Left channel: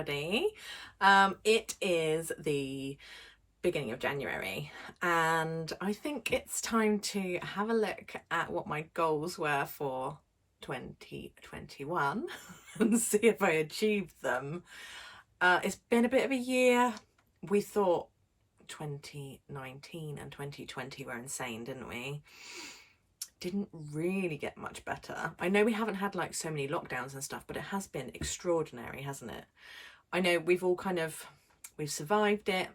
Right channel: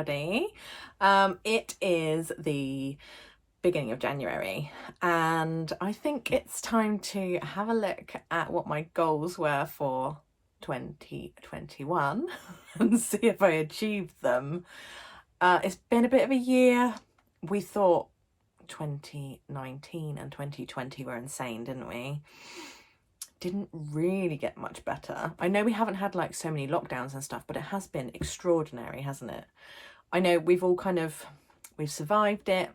everybody. It is the beginning of January, and I think it's time to have a look at what my goals were for 2021 and see if I achieved them. It's been a bit of a year. We thought 2019 and 2020 were insane, didn't we? Didn't really get much better. I know we haven't had like so many lockdowns and stuff, but it has been extraordinary, hasn't it? I know we've all we've survived it.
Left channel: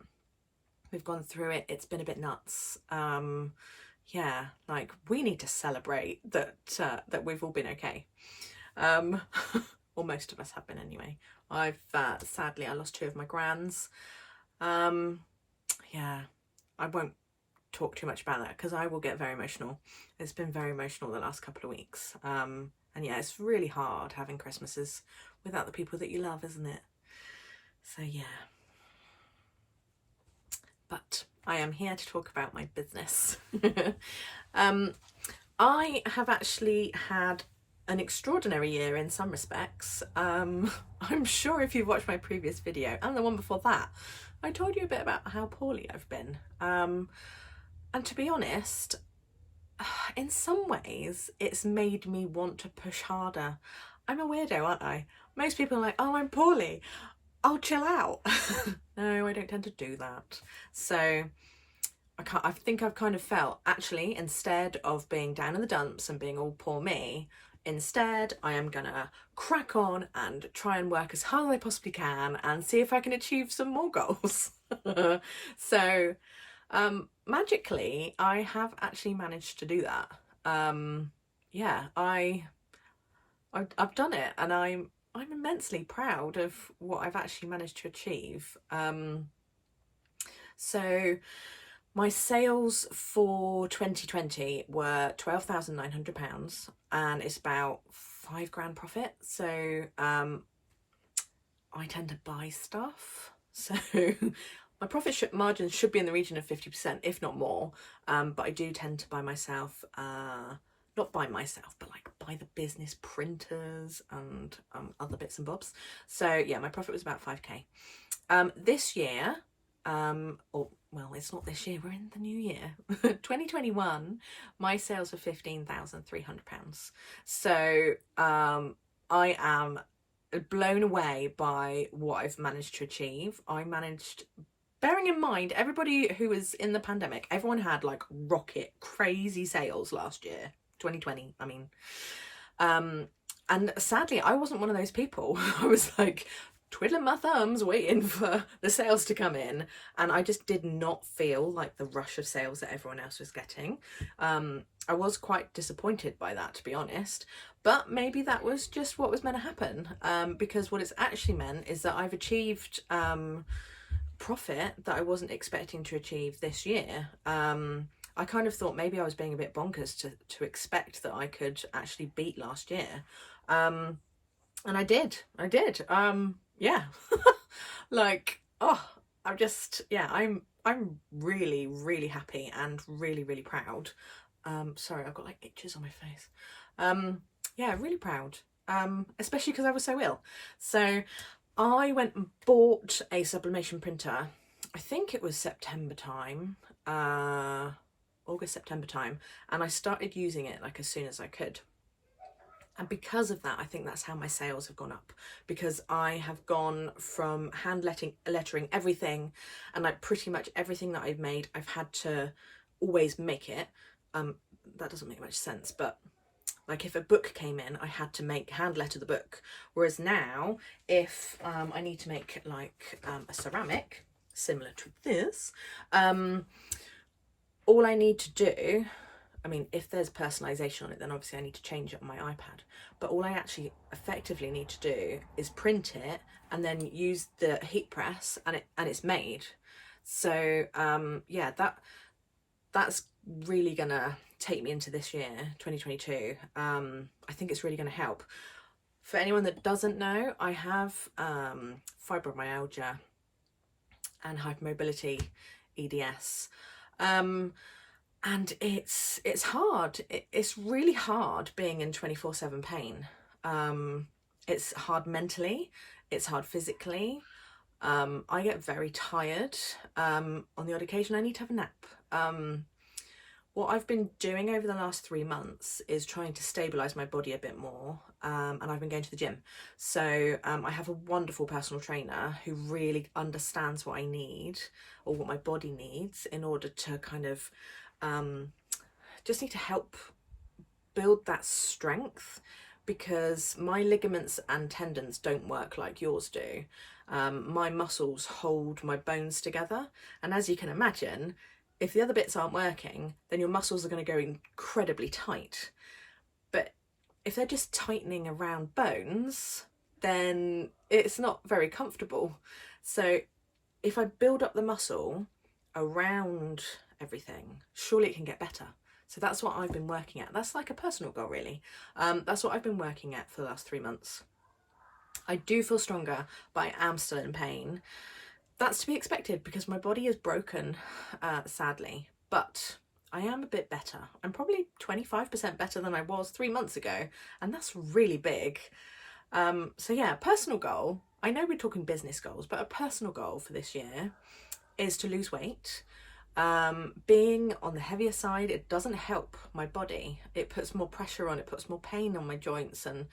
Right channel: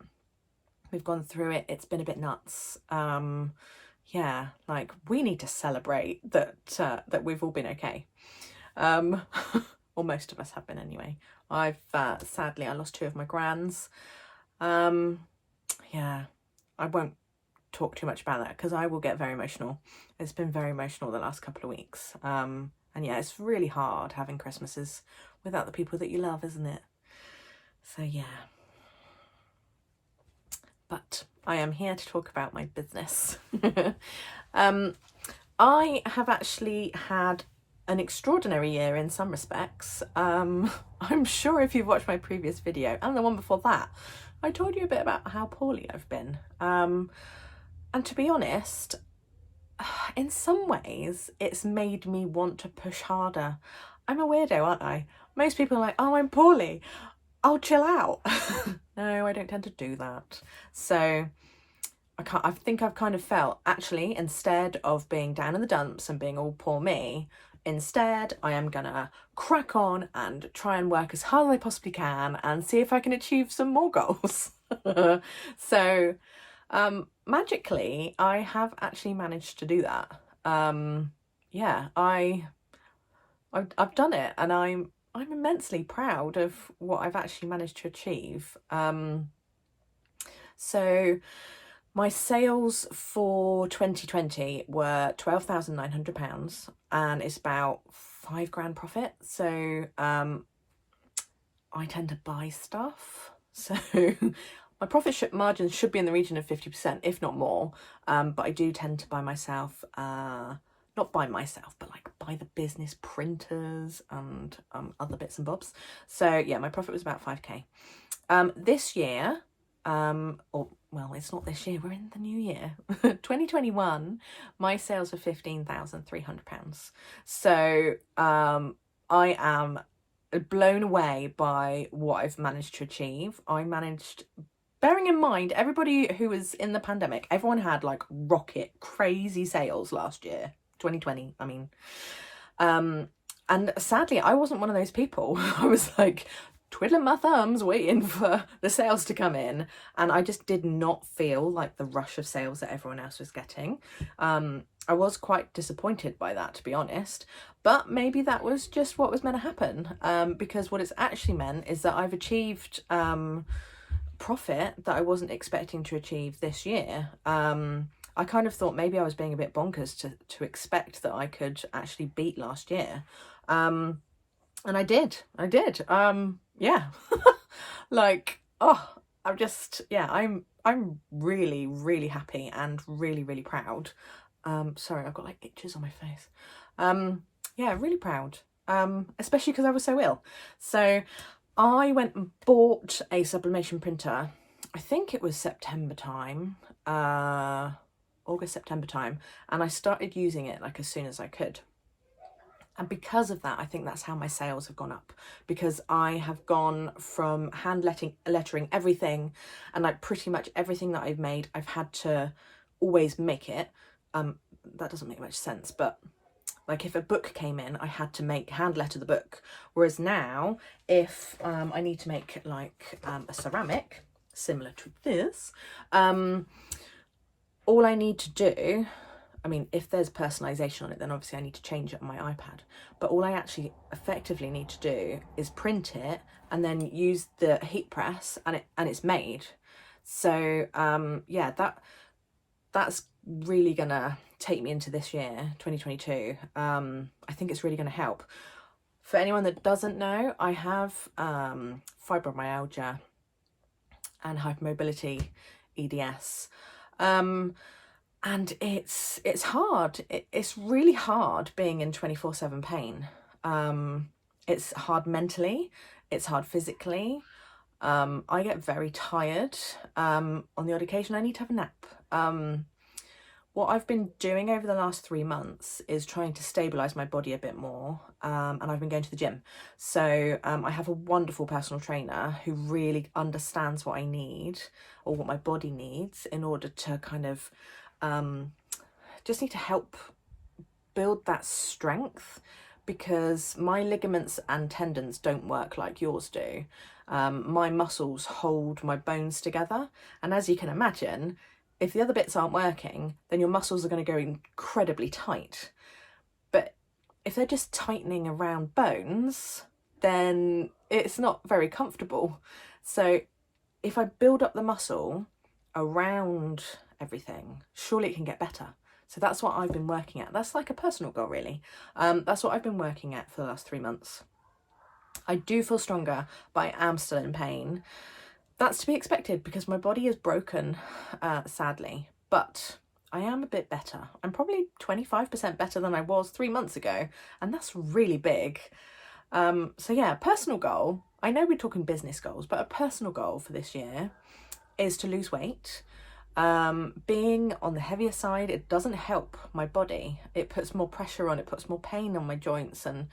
We've gone through it. It's been a bit nuts. Yeah, like we need to celebrate that we've all been okay. Or most of us have been anyway. I've sadly I lost 2 of my grands. Yeah, I won't talk too much about that because I will get very emotional. It's been very emotional the last couple of weeks. And yeah, it's really hard having Christmases without the people that you love, isn't it? So yeah. But I am here to talk about my business. I have actually had an extraordinary year in some respects. I'm sure if you've watched my previous video and the one before that, I told you a bit about how poorly I've been. And to be honest, in some ways, it's made me want to push harder. I'm a weirdo, aren't I? Most people are like, oh, I'm poorly, I'll chill out. No, I don't tend to do that. So I think I've kind of felt, actually, instead of being down in the dumps and being all poor me, instead I am gonna crack on and try and work as hard as I possibly can and see if I can achieve some more goals. So magically I have actually managed to do that. Yeah, I've done it, and I'm immensely proud of what I've actually managed to achieve. So my sales for 2020 were £12,900, and it's about £5,000 profit. So I tend to buy stuff, so my profit margins should be in the region of 50%, if not more. But I do tend to buy myself, not by myself, but like buy the business printers and other bits and bobs. So yeah, my profit was about 5k. This year, or well, it's not this year, we're in the new year. 2021, my sales were £15,300. So I am blown away by what I've managed to achieve. I managed, bearing in mind, everybody who was in the pandemic, everyone had like rocket crazy sales last year, 2020, I mean. And sadly, I wasn't one of those people. I was like twiddling my thumbs waiting for the sales to come in, and I just did not feel like the rush of sales that everyone else was getting. I was quite disappointed by that, to be honest, but maybe that was just what was meant to happen, because what it's actually meant is that I've achieved profit that I wasn't expecting to achieve this year. I kind of thought maybe I was being a bit bonkers to expect that I could actually beat last year. And I did. Yeah. Like, oh, I'm really, really happy and really, really proud. Sorry, I've got like itches on my face. Yeah, really proud. Especially because I was so ill. So I went and bought a sublimation printer. I think it was September time, August, September time, and I started using it like as soon as I could. And because of that, I think that's how my sales have gone up, because I have gone from hand lettering everything, and like pretty much everything that I've made, I've had to always make it. That doesn't make much sense, but like if a book came in, I had to hand letter the book. Whereas now, if I need to make like a ceramic similar to this, all I need to do, I mean, if there's personalisation on it, then obviously I need to change it on my iPad. But all I actually effectively need to do is print it and then use the heat press, and it's made. So yeah, that's really gonna take me into this year, 2022. I think it's really gonna help. For anyone that doesn't know, I have fibromyalgia and hypermobility, EDS. And it's hard. It's really hard being in 24/7 pain. It's hard mentally. It's hard physically. I get very tired. On the odd occasion I need to have a nap. What I've been doing over the last 3 months is trying to stabilise my body a bit more, and I've been going to the gym. So I have a wonderful personal trainer who really understands what I need, or what my body needs, in order to kind of just need to help build that strength, because my ligaments and tendons don't work like yours do. My muscles hold my bones together, and as you can imagine, if the other bits aren't working, then your muscles are going to go incredibly tight. But if they're just tightening around bones, then it's not very comfortable. So if I build up the muscle around everything, surely it can get better. So that's what I've been working at. That's like a personal goal, really. That's what I've been working at for the last 3 months. I do feel stronger, but I am still in pain. That's to be expected because my body is broken, sadly, but I am a bit better. I'm probably 25% better than I was 3 months ago, and that's really big. So yeah, personal goal. I know we're talking business goals, but a personal goal for this year is to lose weight. Being on the heavier side, it doesn't help my body. It puts more pressure on, it puts more pain on my joints, and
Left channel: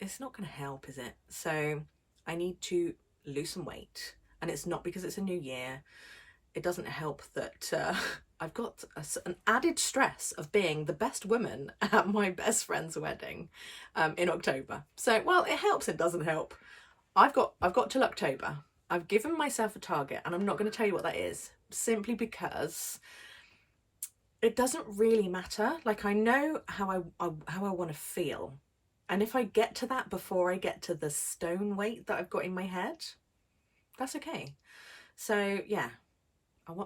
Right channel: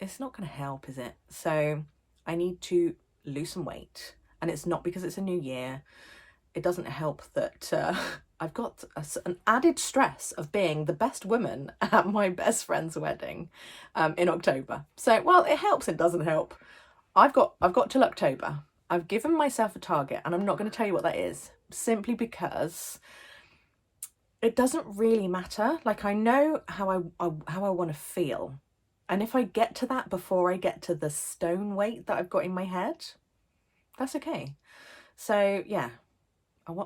it's not going to help, is it? So I need to lose some weight, and it's not because it's a new year. It doesn't help that I've got an added stress of being the best woman at my best friend's wedding in October. So, well, it helps and doesn't help. I've got till October. I've given myself a target, and I'm not going to tell you what that is, simply because it doesn't really matter. Like, I know how I want to feel, and if I get to that before I get to the stone weight that I've got in my head, that's okay. So yeah,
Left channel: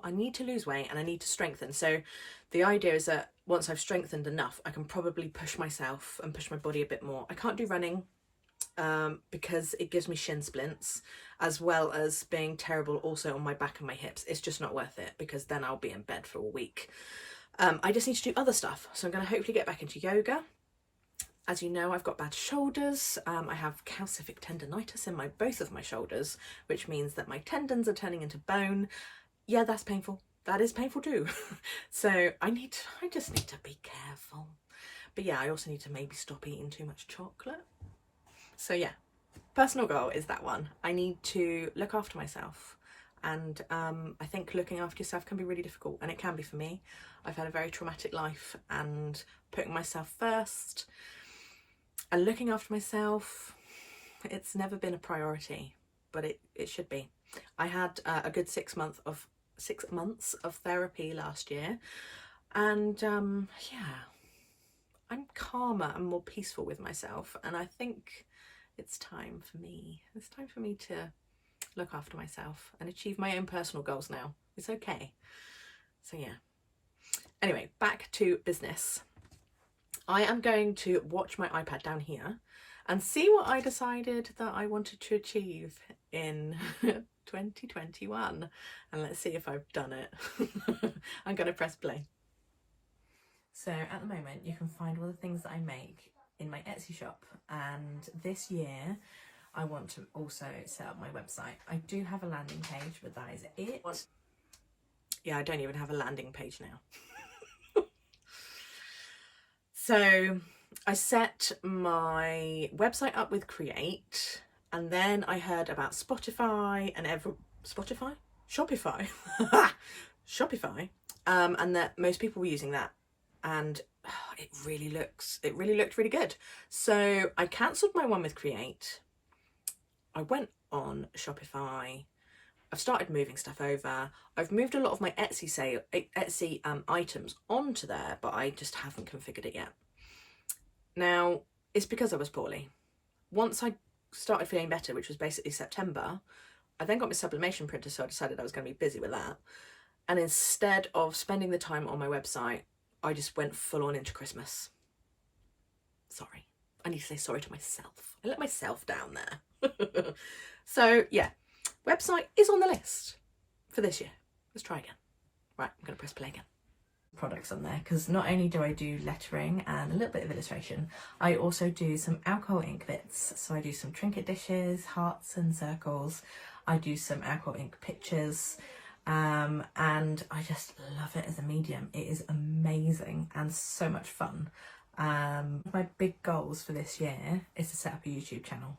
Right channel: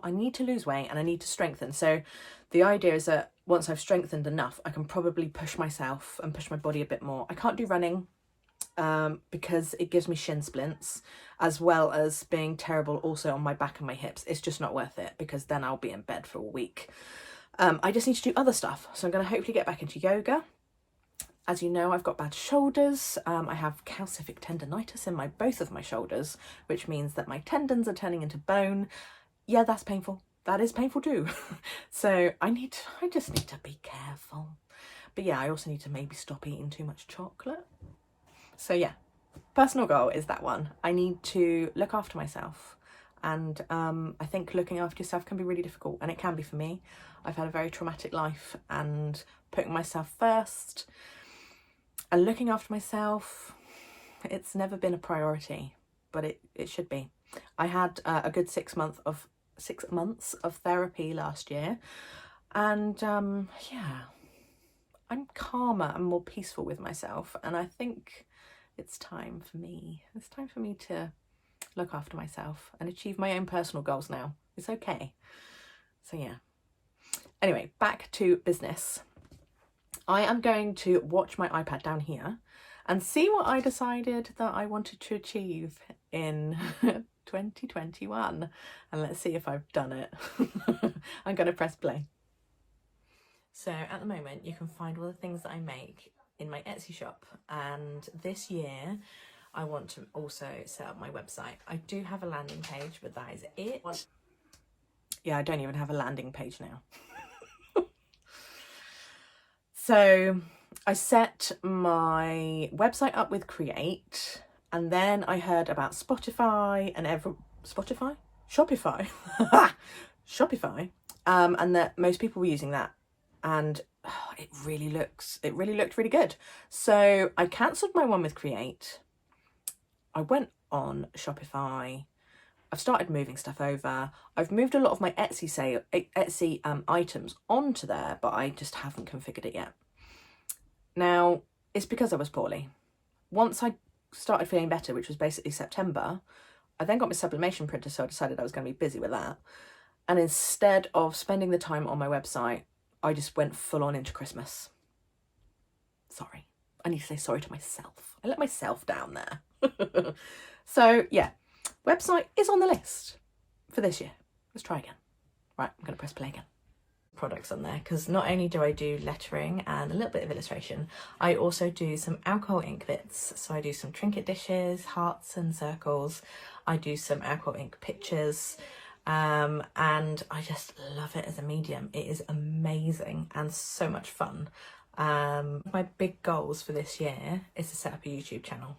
I need to lose weight and I need to strengthen. So the idea is that once I've strengthened enough, I can probably push myself and push my body a bit more. I can't do running because it gives me shin splints, as well as being terrible also on my back and my hips. It's just not worth it, because then I'll be in bed for a week. I just need to do other stuff. So I'm going to hopefully get back into yoga. As you know, I've got bad shoulders. I have calcific tendonitis in both of my shoulders, which means that my tendons are turning into bone. Yeah, that's painful. That is painful too. So I just need to be careful. But yeah, I also need to maybe stop eating too much chocolate. So yeah, personal goal is that one. I need to look after myself. And I think looking after yourself can be really difficult, and it can be for me. I've had a very traumatic life, and putting myself first and looking after myself, it's never been a priority, but it should be. I had a good 6 months of therapy last year, and yeah, I'm calmer and more peaceful with myself, and I think it's time for me. It's time for me to look after myself and achieve my own personal goals now. It's okay. So yeah. Anyway, back to business. I am going to watch my iPad down here and see what I decided that I wanted to achieve in 2021. And let's see if I've done it. I'm going to press play. So at the moment, you can find all the things that I make in my Etsy shop. And this year, I want to also set up my website. I do have a landing page, but that is it. Yeah, I don't even have a landing page now. So I set my website up with Create, and then I heard about Shopify, and that most people were using that, and it really looked really good. So I cancelled my one with Create. I went on Shopify. I've started moving stuff over. I've moved a lot of my Etsy items onto there, but I just haven't configured it yet. Now, it's because I was poorly. Once I started feeling better, which was basically September, I then got my sublimation printer, so I decided I was going to be busy with that. And instead of spending the time on my website, I just went full on into Christmas. Sorry. I need to say sorry to myself. I let myself down there. So, yeah. Website is on the list for this year. Let's try again. Right, I'm going to press play again. products on there, because not only do I do lettering and a little bit of illustration, I also do some alcohol ink bits. So I do some trinket dishes, hearts and circles. I do some alcohol ink pictures, and I just love it as a medium. It is amazing and so much fun. My big goals for this year is to set up a YouTube channel.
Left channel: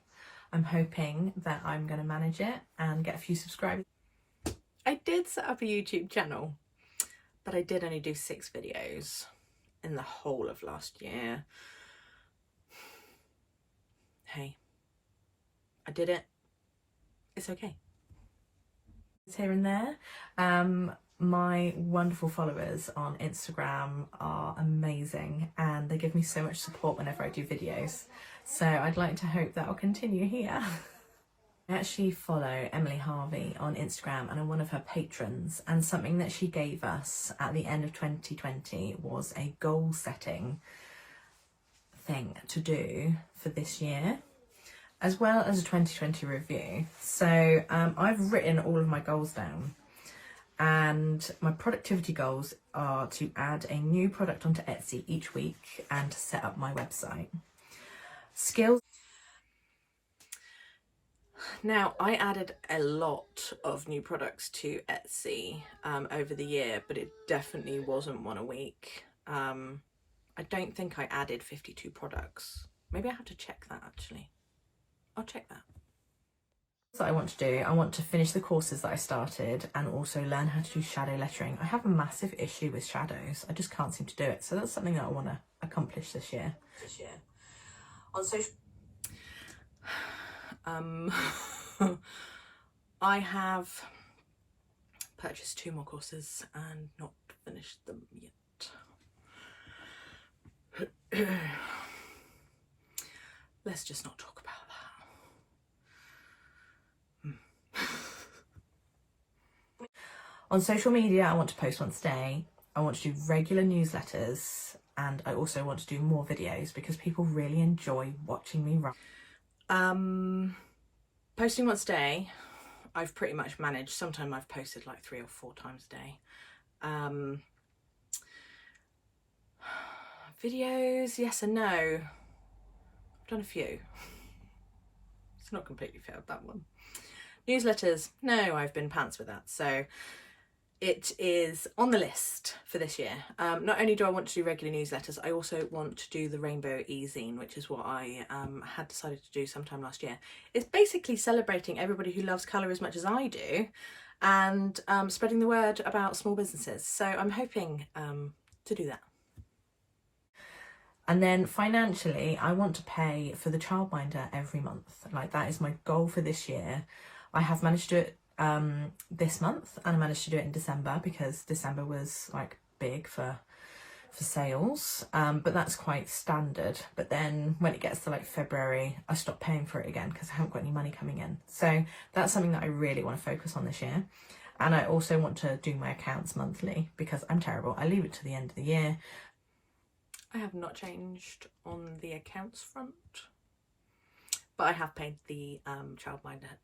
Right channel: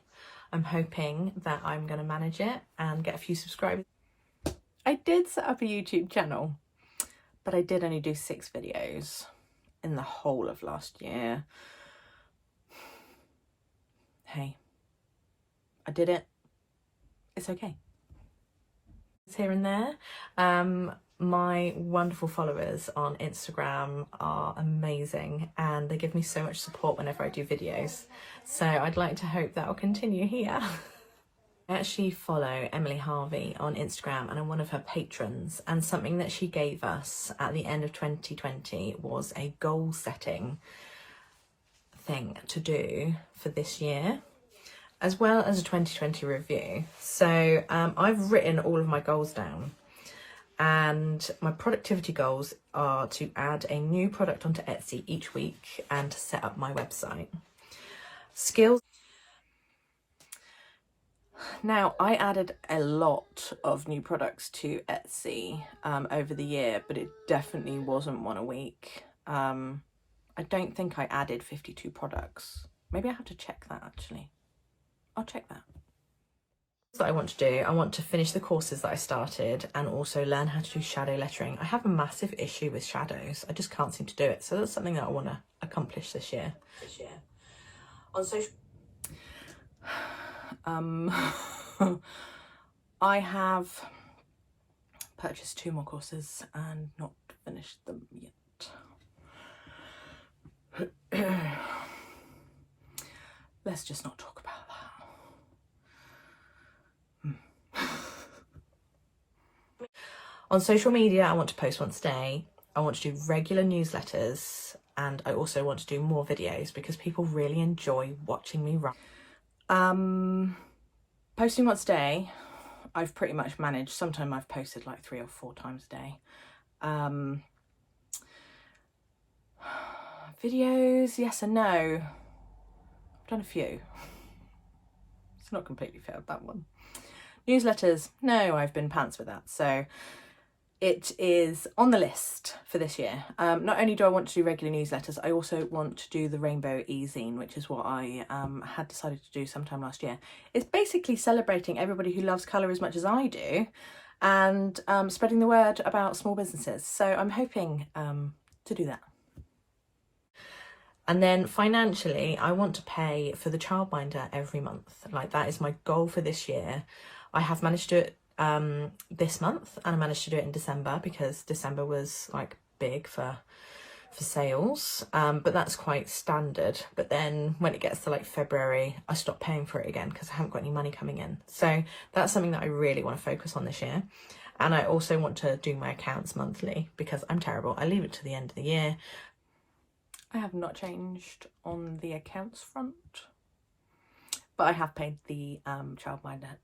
I'm hoping that I'm going to manage it and get a few subscribers. I did set up a YouTube channel, but I did only do 6 videos in the whole of last year. Hey, I did it. It's okay. It's here and there. My wonderful followers on Instagram are amazing and they give me so much support whenever I do videos. So I'd like to hope that will continue here. I actually follow Emily Harvey on Instagram and I'm one of her patrons, and something that she gave us at the end of 2020 was a goal setting thing to do for this year, as well as a 2020 review. So I've written all of my goals down, and my productivity goals are to add a new product onto Etsy each week and to set up my website. Skills. Now, I added a lot of new products to Etsy over the year, but it definitely wasn't one a week. I don't think I added 52 products. Maybe I have to check that actually. I'll check that. That I want to do, I want to finish the courses that I started and also learn how to do shadow lettering. I have a massive issue with shadows. I just can't seem to do it. So that's something that I want to accomplish this year. On social... I have purchased 2 more courses and not finished them yet. Let's just not talk about that. On social media, I want to post once a day. I want to do regular newsletters, and I also want to do more videos because people really enjoy watching me run. Posting once a day, I've pretty much managed. Sometimes I've posted like 3 or 4 times a day. Videos, yes and no. I've done a few. It's not completely failed, that one. Newsletters, no, I've been pants with that. So it is on the list for this year. Not only do I want to do regular newsletters, I also want to do the Rainbow e-zine, which is what I had decided to do sometime last year. It's basically celebrating everybody who loves colour as much as I do and spreading the word about small businesses. So I'm hoping to do that. And then financially, I want to pay for the childminder every month. Like, that is my goal for this year. I have managed to do it this month, and I managed to do it in December because December was like big for sales, but that's quite standard. But then when it gets to like February, I stop paying for it again because I haven't got any money coming in. So that's something that I really want to focus on this year. And I also want to do my accounts monthly because I'm terrible. I leave it to the end of the year. I have not changed on the accounts front, but I have paid the childminder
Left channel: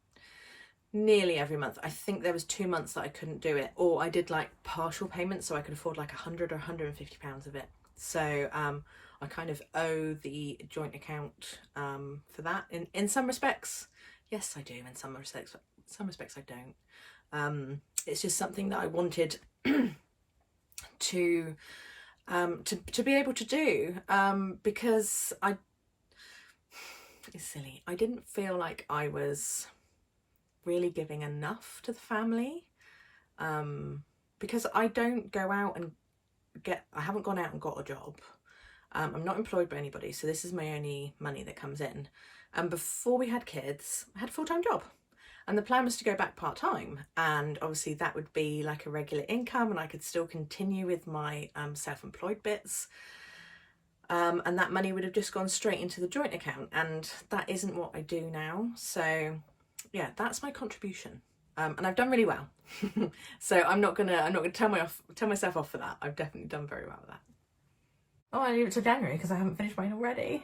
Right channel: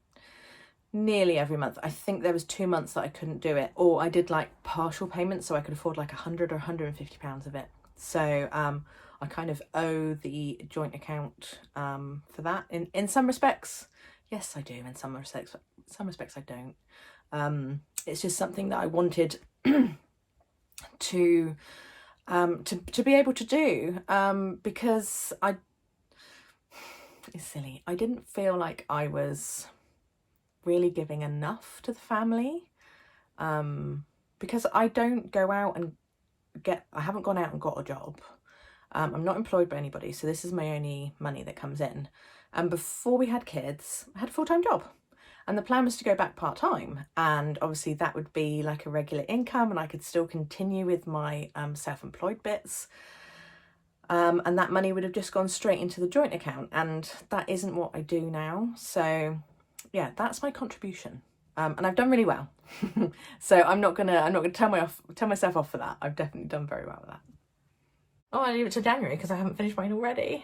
nearly every month. I think there was 2 months that I couldn't do it, or I did like partial payments so I could afford like 100 or 150 pounds of it. So I kind of owe the joint account for that in some respects. Yes, I do. In some respects I don't. It's just something that I wanted to be able to do because it's silly. I didn't feel like I was really giving enough to the family because I don't go out and I haven't gone out and got a job. I'm not employed by anybody, so this is my only money that comes in. And before we had kids, I had a full-time job. And the plan was to go back part-time, and obviously that would be like a regular income and I could still continue with my self-employed bits. And that money would have just gone straight into the joint account, and that isn't what I do now. So yeah, that's my contribution. And I've done really well. So I'm not gonna tell myself off for that. I've definitely done very well with that. Oh, I leave it to January because I haven't finished mine already.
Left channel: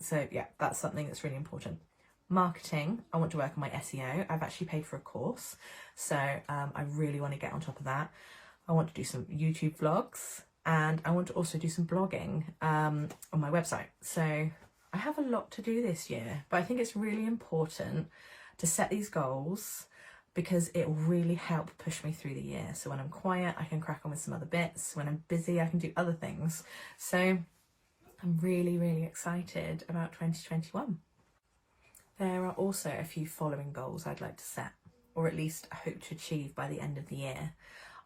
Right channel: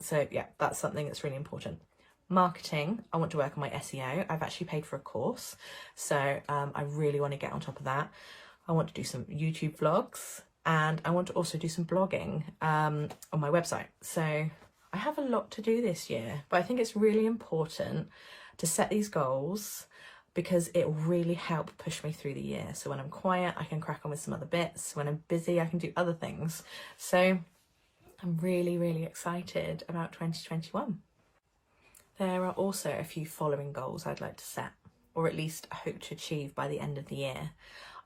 So yeah, that's something that's really important. Marketing, I want to work on my SEO. I've actually paid for a course, so I really want to get on top of that. I want to do some YouTube vlogs. and I want to also do some blogging on my website. So I have a lot to do this year, but I think it's really important to set these goals because it will really help push me through the year. So when I'm quiet, I can crack on with some other bits. When I'm busy, I can do other things. So I'm really, really excited about 2021. There are also a few following goals I'd like to set, or at least hope to achieve by the end of the year.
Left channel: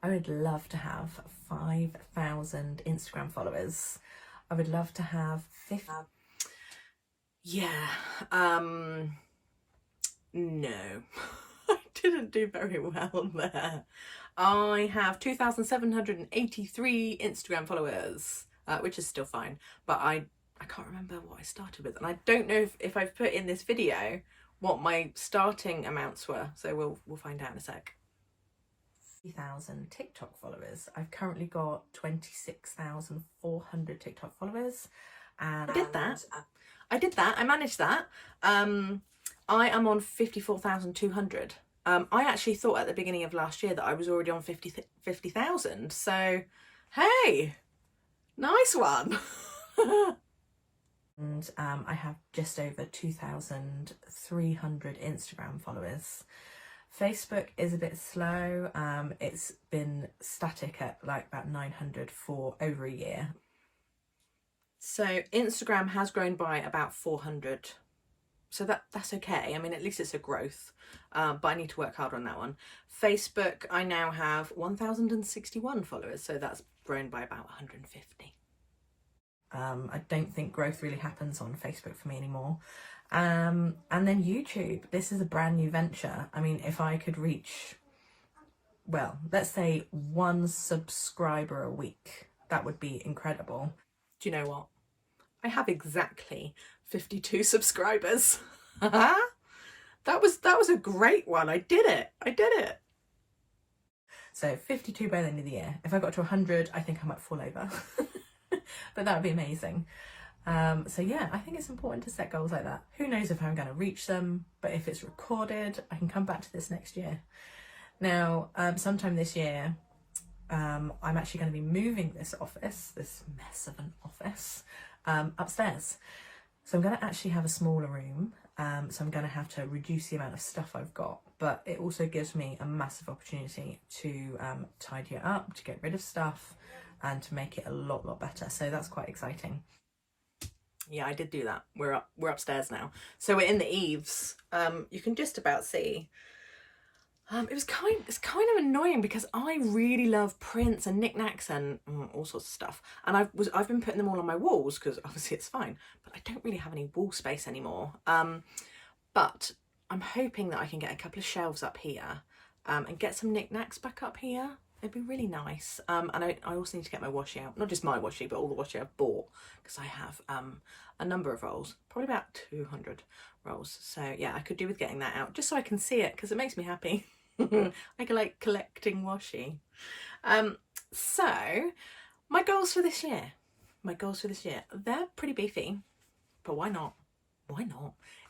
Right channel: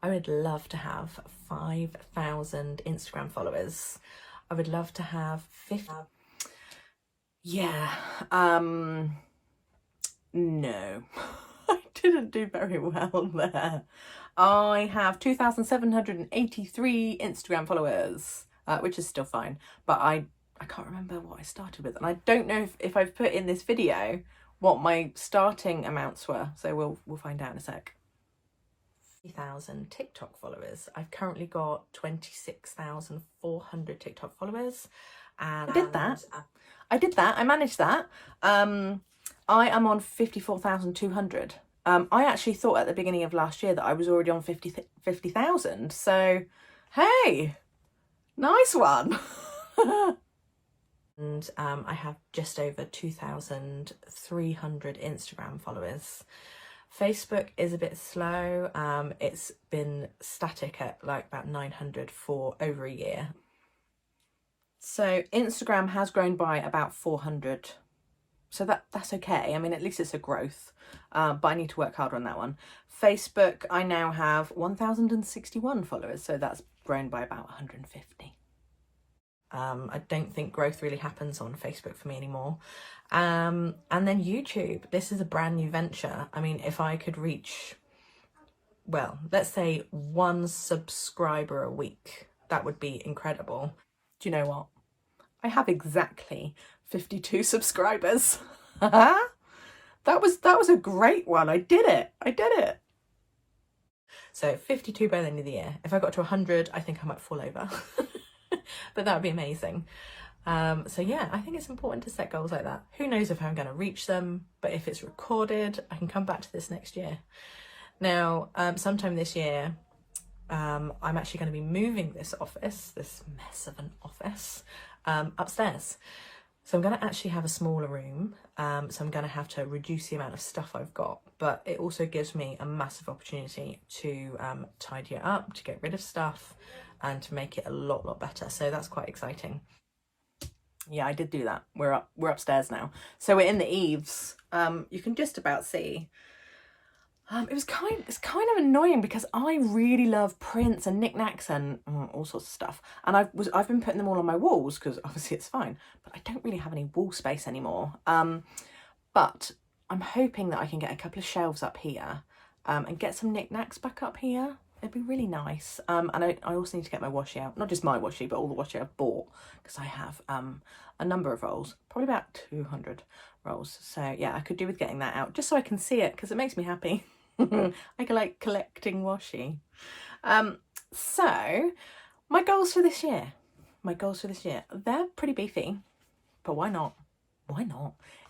I would love to have 5,000 Instagram followers. I would love to have 50. Yeah, no, I didn't do very well there. I have 2,783 Instagram followers, which is still fine, but I can't remember what I started with, and I don't know if I've put in this video what my starting amounts were, so we'll find out in a sec. 3,000 TikTok followers. I've currently got 26,400 TikTok followers, and I did that. I managed that. I am on 54,200. I actually thought at the beginning of last year that I was already on 50,000. So, hey, nice one. And I have just over 2,300 Instagram followers. Facebook is a bit slow. It's been static at like about 900 for over a year. So Instagram has grown by about 400. So that's okay. I mean, at least it's a growth, but I need to work harder on that one. Facebook, I now have 1,061 followers. So that's grown by about 150. I don't think growth really happens on Facebook for me anymore. And then YouTube, this is a brand new venture. I mean, if I could reach, well, let's say 1 subscriber a week, that would be incredible. Do you know what? I have exactly 52 subscribers. That was a great one. I did it. So 52 by the end of the year. If I got to 100, I think I might fall over. But that would be amazing. So yeah, I think it's important to set goals like that. Who knows if I'm going to reach them, but if it's recorded, I can come back to this next year. Now, sometime this year, I'm actually going to be moving this office, this mess of an office, upstairs. So I'm going to actually have a smaller room. So I'm going to have to reduce the amount of stuff I've got, but it also gives me a massive opportunity to tidy it up, to get rid of stuff, and to make it a lot better. So that's quite exciting. Yeah, I did do that. We're upstairs now. So we're in the eaves. You can just about see. It's kind of annoying because I really love prints and knickknacks and all sorts of stuff. And I've been putting them all on my walls because obviously it's fine, but I don't really have any wall space anymore. But I'm hoping that I can get a couple of shelves up here and get some knickknacks back up here. It'd be really nice. And I also need to get my washi out. Not just my washi, but all the washi I've bought, because I have a number of rolls, probably about 200 rolls. So yeah, I could do with getting that out just so I can see it, because it makes me happy. I can like collecting washi. So my goals for this year, they're pretty beefy, but why not?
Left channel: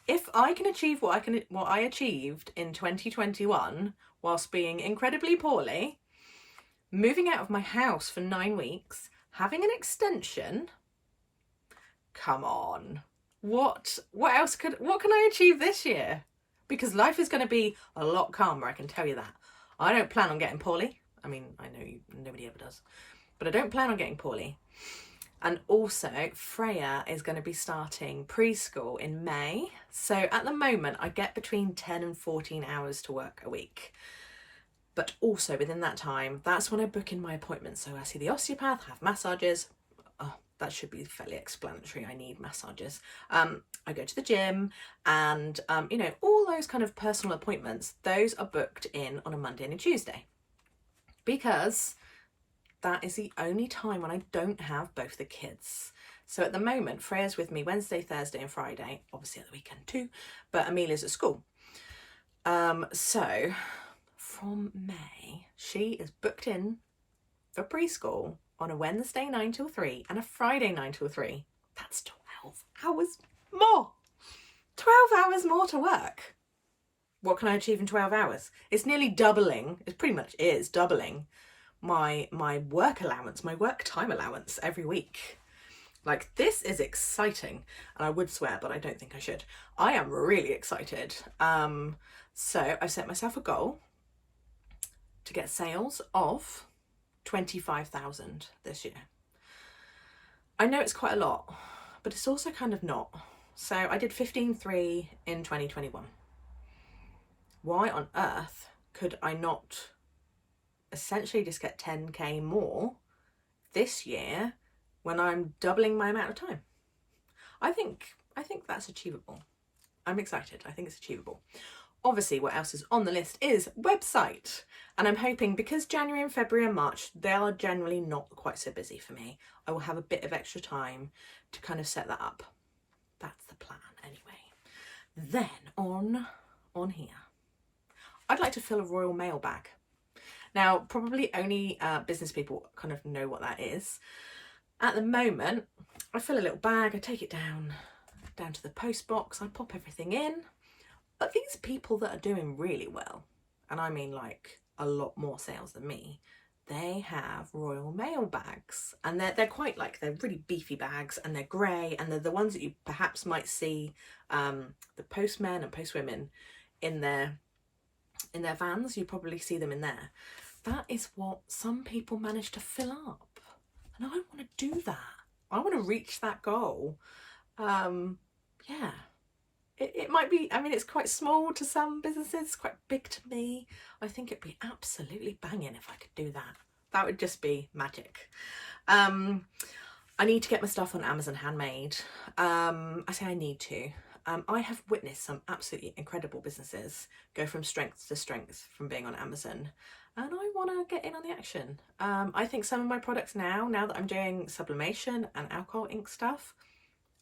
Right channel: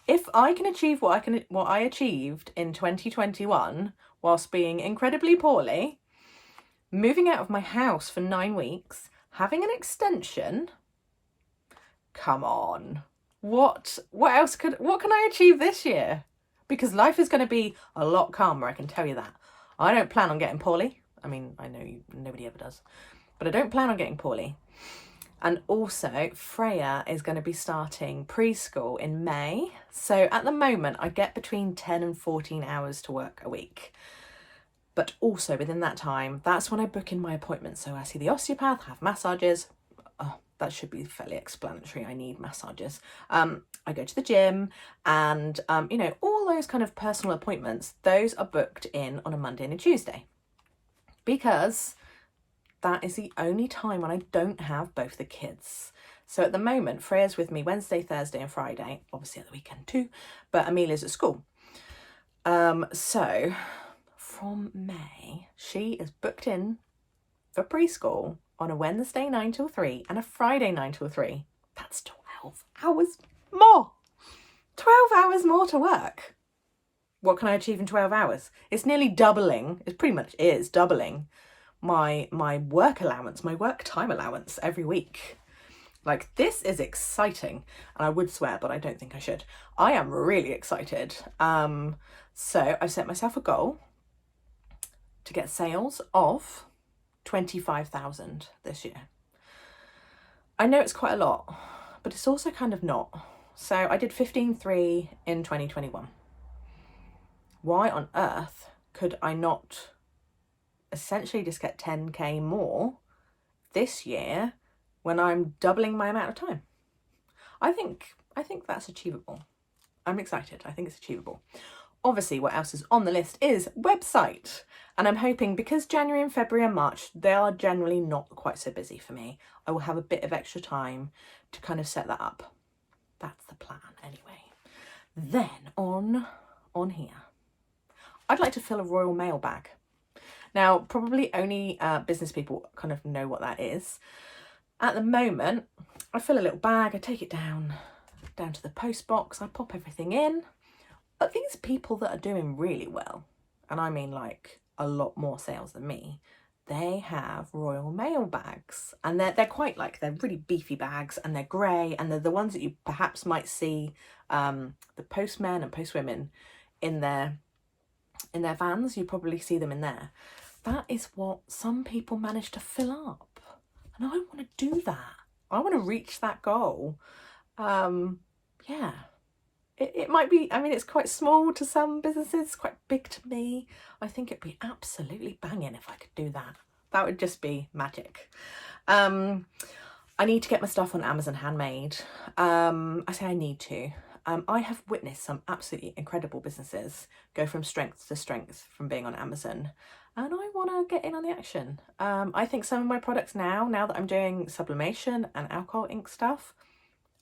If I can achieve what I achieved in 2021 whilst being incredibly poorly, moving out of my house for 9 weeks, having an extension, come on. What can I achieve this year? Because life is going to be a lot calmer, I can tell you that. I don't plan on getting poorly. I mean, I know nobody ever does, but I don't plan on getting poorly. And also, Freya is going to be starting preschool in May. So at the moment, I get between 10 and 14 hours to work a week. But also within that time, that's when I book in my appointments. So I see the osteopath, have massages. Oh, that should be fairly explanatory. I need massages. I go to the gym and, all those kind of personal appointments, those are booked in on a Monday and a Tuesday. Because that is the only time when I don't have both the kids. So at the moment, Freya's with me Wednesday, Thursday and Friday, obviously at the weekend too, but Amelia's at school. So from May, she is booked in for preschool on a Wednesday 9 till 3 and a Friday 9 till 3. That's 12 hours more. 12 hours more to work. What can I achieve in 12 hours? It's nearly doubling. It pretty much is doubling my work allowance, my work time allowance every week. Like, this is exciting. And I would swear, but I don't think I should. I am really excited. So I've set myself a goal to get sales of 25,000 this year. I know it's quite a lot, but it's also kind of not. So I did 15.3 in 2021. Why on earth could I not essentially just get 10k more this year when I'm doubling my amount of time? I think that's achievable. I'm excited. I think it's achievable. Obviously, what else is on the list is website. And I'm hoping, because January and February and March, they are generally not quite so busy for me, I will have a bit of extra time to kind of set that up. That's the plan anyway. Then on here, I'd like to fill a Royal Mail bag. Now, probably only business people kind of know what that is. At the moment, I fill a little bag, I take it down to the post box, I pop everything in. But these people that are doing really well, and I mean like a lot more sales than me, they have Royal Mail bags, and they're quite like, they're really beefy bags, and they're grey, and they're the ones that you perhaps might see the postmen and postwomen in their vans. You probably see them in there. That is what some people manage to fill up, and I want to do that. I want to reach that goal. Yeah. It might be, I mean, it's quite small to some businesses, quite big to me. I think it'd be absolutely banging if I could do that. That would just be magic. I need to get my stuff on Amazon Handmade. I say I need to. I have witnessed some absolutely incredible businesses go from strength to strength from being on Amazon. And I want to get in on the action. I think some of my products now that I'm doing sublimation and alcohol ink stuff,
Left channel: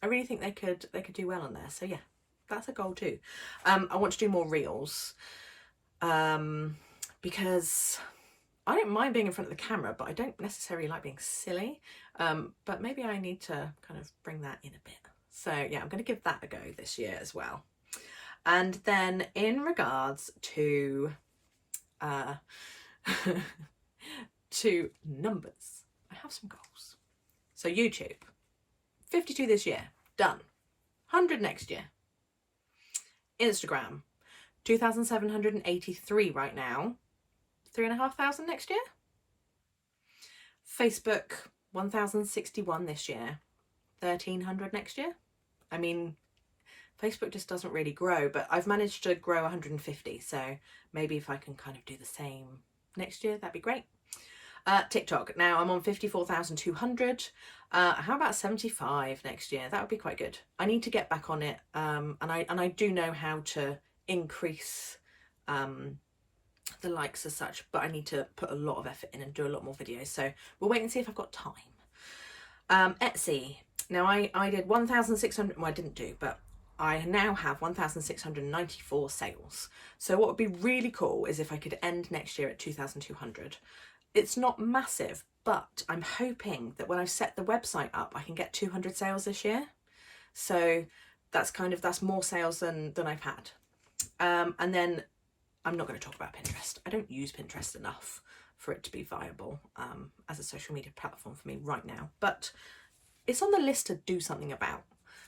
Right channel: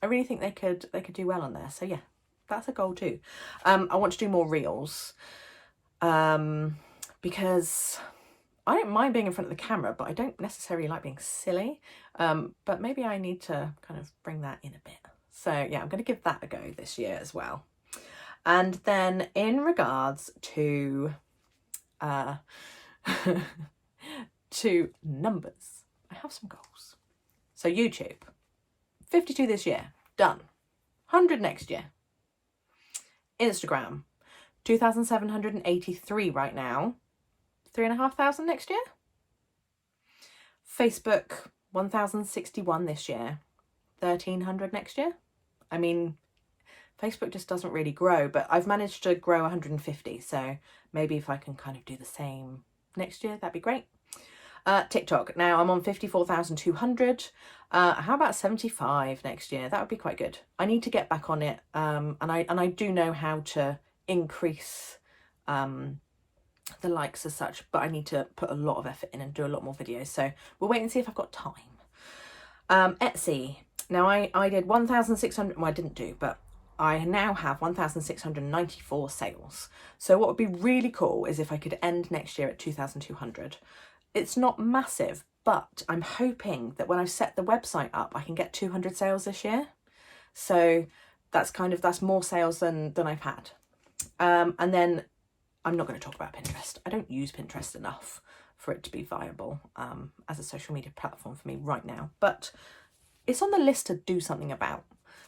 I really think they could do well on there. So yeah. That's a goal too. I want to do more reels because I don't mind being in front of the camera, but I don't necessarily like being silly. But maybe I need to kind of bring that in a bit. So yeah, I'm going to give that a go this year as well. And then in regards to to numbers, I have some goals. So YouTube, 52 this year, done. 100 next year. Instagram, 2,783 right now, 3,500 next year. Facebook, 1,061 this year, 1,300 next year. I mean, Facebook just doesn't really grow, but I've managed to grow 150, so maybe if I can kind of do the same next year, that'd be great. TikTok, now I'm on 54,200. How about 75 next year? That would be quite good. I need to get back on it, and I do know how to increase the likes as such, but I need to put a lot of effort in and do a lot more videos. So we'll wait and see if I've got time. Etsy, now I did 1,600. Well, I didn't do, but I now have 1,694 sales. So what would be really cool is if I could end next year at 2,200. It's not massive, but I'm hoping that when I set the website up, I can get 200 sales this year. So that's more sales than I've had. And then I'm not going to talk about Pinterest. I don't use Pinterest enough for it to be viable as a social media platform for me right now. But it's on the list to do something about,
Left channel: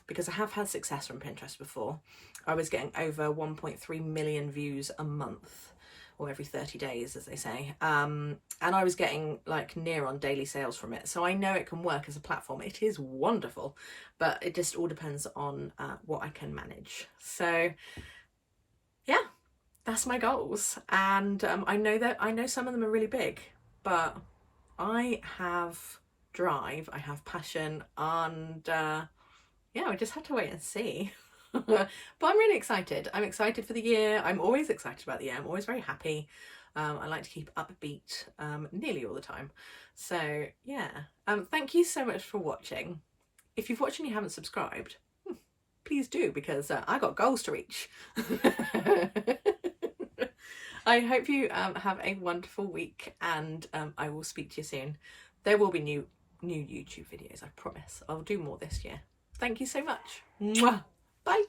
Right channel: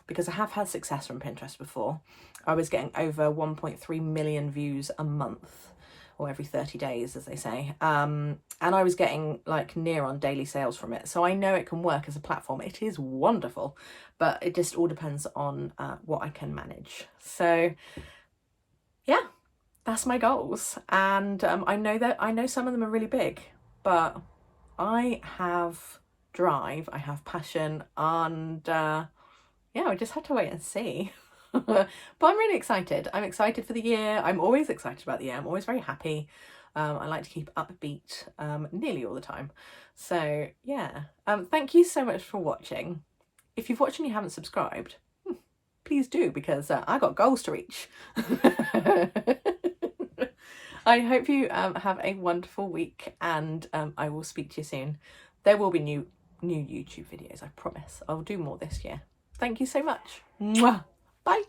because I have had success from Pinterest before. I was getting over 1.3 million views a month, or every 30 days, as they say. And I was getting like near on daily sales from it. So I know it can work as a platform. It is wonderful, but it just all depends on what I can manage. So yeah, that's my goals. And I know some of them are really big, but I have drive, I have passion, and yeah, I just have to wait and see. But I'm really excited. I'm excited for the year. I'm always excited about the year. I'm always very happy. I like to keep upbeat nearly all the time. So yeah, thank you so much for watching. If you've watched and you haven't subscribed, please do, because I got goals to reach. I hope you have a wonderful week, and I will speak to you soon. There will be new YouTube videos, I promise. I'll do more this year. Thank you so much. Mwah. Bye.